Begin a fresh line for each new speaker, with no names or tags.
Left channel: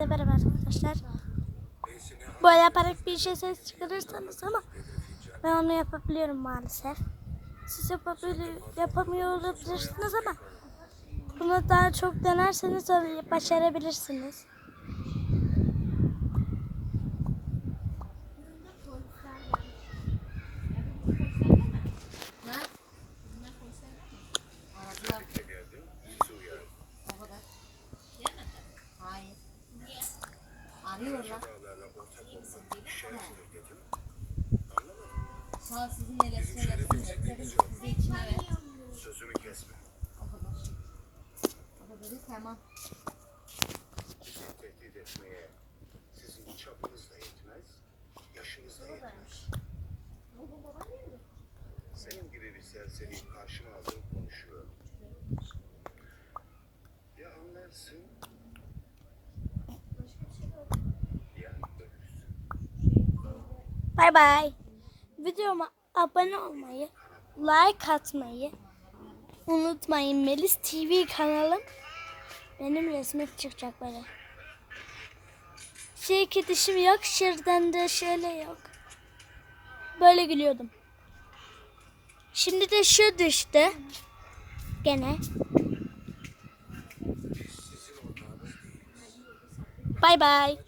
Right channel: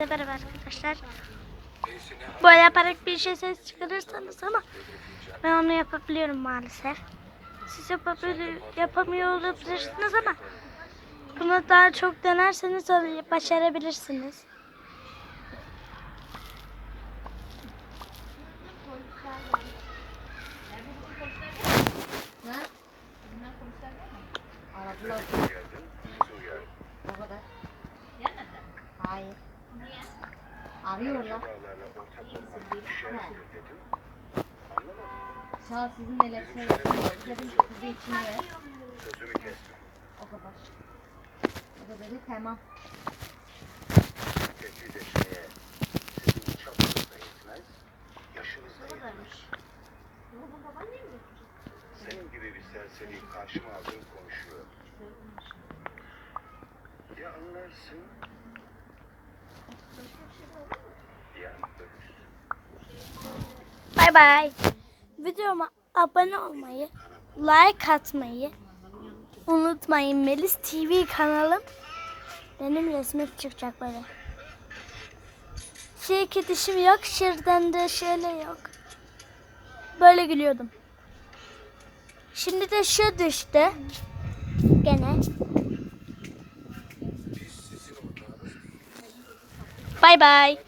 Merhaba arkadaşlar. Böyle yaparak bir şey ses çıkarırsanız ama ben onu yapabiliyorum maalesef. Siz yapamıyor olabilirsiniz ama bunu daha çok denerseniz başarabilirsiniz.
Hayır. Arıyorlar. Sağ ol, sizin neler söylüyorsunuz? Bize içine ver.
Sözümü kesme.
O kadar. O da dedi tamam.
Tehdit etmeye sizin çapınız da yetmez, yaşınız da yetmez. Senin gibi bir serseriyi karşıma aldığım konuşuyor. Ya anlarsın, ya ölürsün.
Bay bay. Videoma abone olmayı, like atmayı unutmayın. Melis TV kanalım. Benim resmim çıkacak böyle. Şey dişim yok, şırdan da şöyle yok. Böyle gülüyordum. Şimdi de şu düştü. Gene. Bay bay.